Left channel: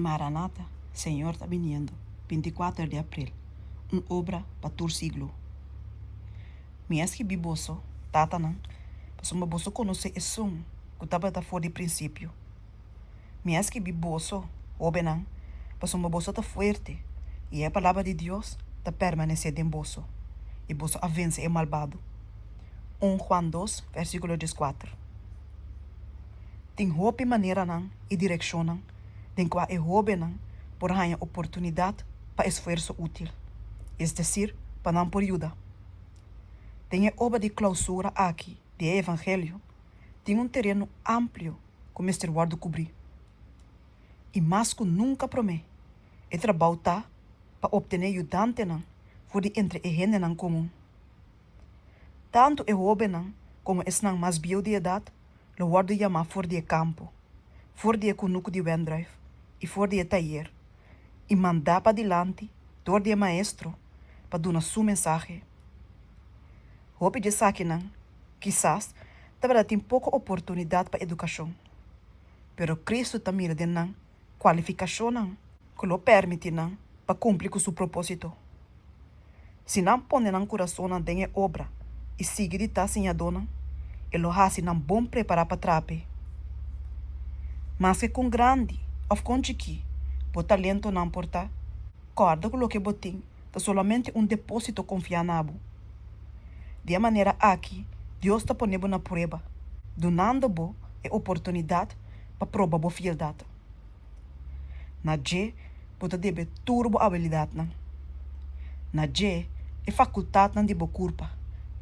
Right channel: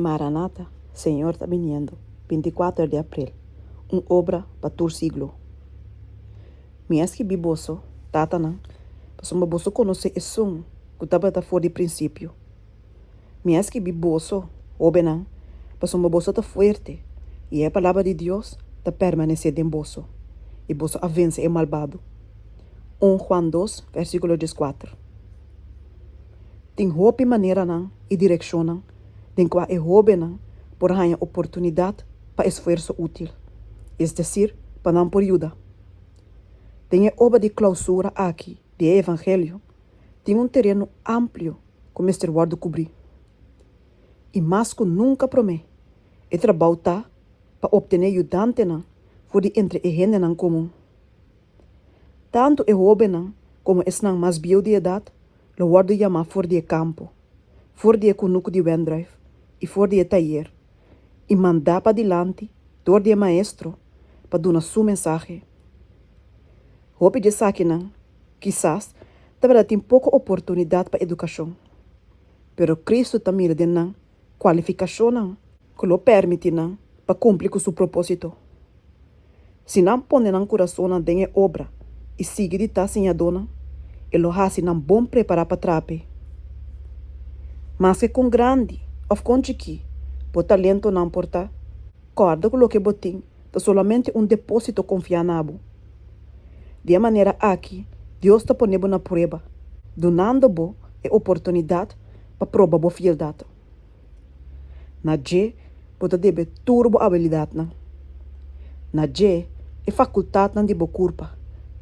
Maranata, Señor está viniendo, 24 de abril, uma obra para todo siglo. Minhas que biboso, tatana, para uma boso conhecer esse que estava fora de princípio. Minhas que biboso, obenan, para uma boso tá forte, e a palavra de Deus está permanecer em boso, e boso a vence o malvado. 1 Juan 2, versículo 14. Tem hope maneira não e direção não, tem qual é hope não, por ganhar oportunidade para esforço útil, es decir, para não por ajuda. Tem a obra de clausura aqui, de evangelho, tem terreno amplo como este guarda cobrir. E mais que nunca promete, é trabalho tá para obter ajudante não, for de entre a gente não comum. Tanto é hope não, como é não mais biodiedade, lo guarda chamar for de campo, for de conuco de wendrive, e for de taller, e mandar para adiante, door de maestro, para dar sua mensagem. Hope de saque não, quizás, também tem pouca oportunidade para educação. Pero Cristo também tem não, qualificação não, que lo permite não, para cumprir com seu propósito. Se não põe no coração não tem obra, e sigue de estar sem a dona, ele lo hace não bom preparar para trape. Mas que com grande, ou com chiqui, por talento não porta, corda com o que botim, é solamente depósito confiar nabo. De maneira aqui, Deus está ponendo na prova, donando-bo a oportunidade para provar bo fieldade. Na G, pode debe turbo habilidade na. Na G, é faculdade na de bo culpa,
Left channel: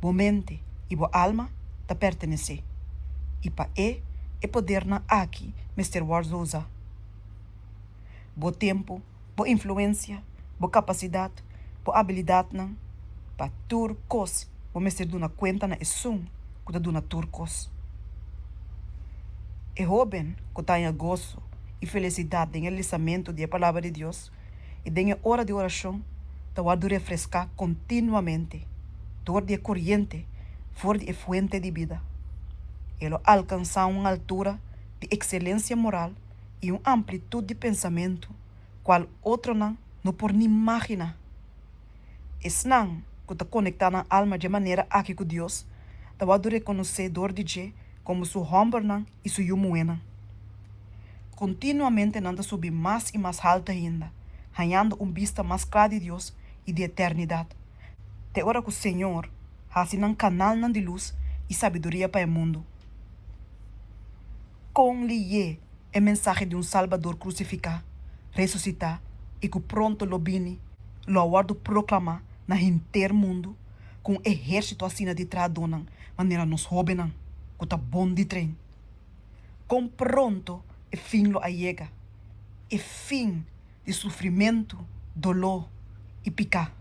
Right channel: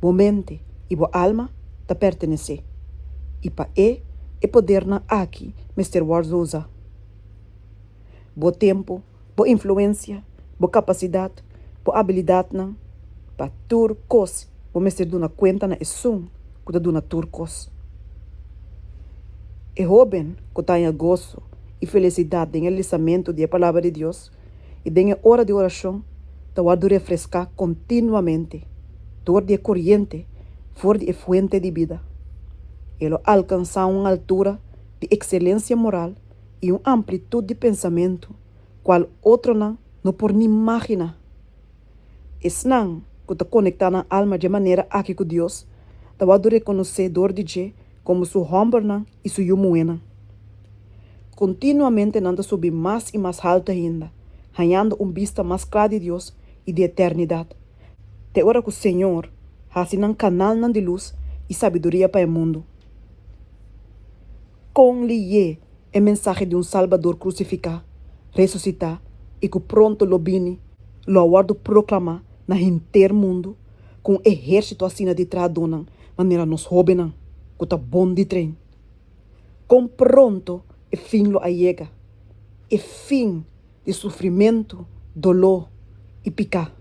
bo mente e bo alma ta pertenece. E para é poder na aqui, Mr. Wars usa. Bo tempo, bo influência, bo capacidade, bo habilidade na, para tur cos, o Mr. duna conta na esum, que ta duna tur cos. É jovem que tenha gozo e felicidade em lisamento da palavra de Deus e em hora de oração, ta guardo refrescar continuamente, dor de corrente, fora de fuente de vida. Ele alcança uma altura de excelência moral e uma amplitude de pensamento, qual outro não por nem imaginar. Esse não que está conectado na alma de maneira aqui com Deus, está guardo reconhecer dor de Deus como sua homem e sua moena. Continuamente nanda subir mais e mais alto ainda, ganhando vista mais clara de Deus e de eternidade. Te hora que o Senhor hace um canal de luz e sabedoria para o mundo. Com lhe é mensagem de Salvador crucificado, ressuscitar e que pronto lo vini, lo aguardo proclamar na inteiro mundo, com exército assim de tradona, maneira nos jovens, que está bom de trem. Com pronto é fim lo allega, é fim de sofrimento, dolor e picar.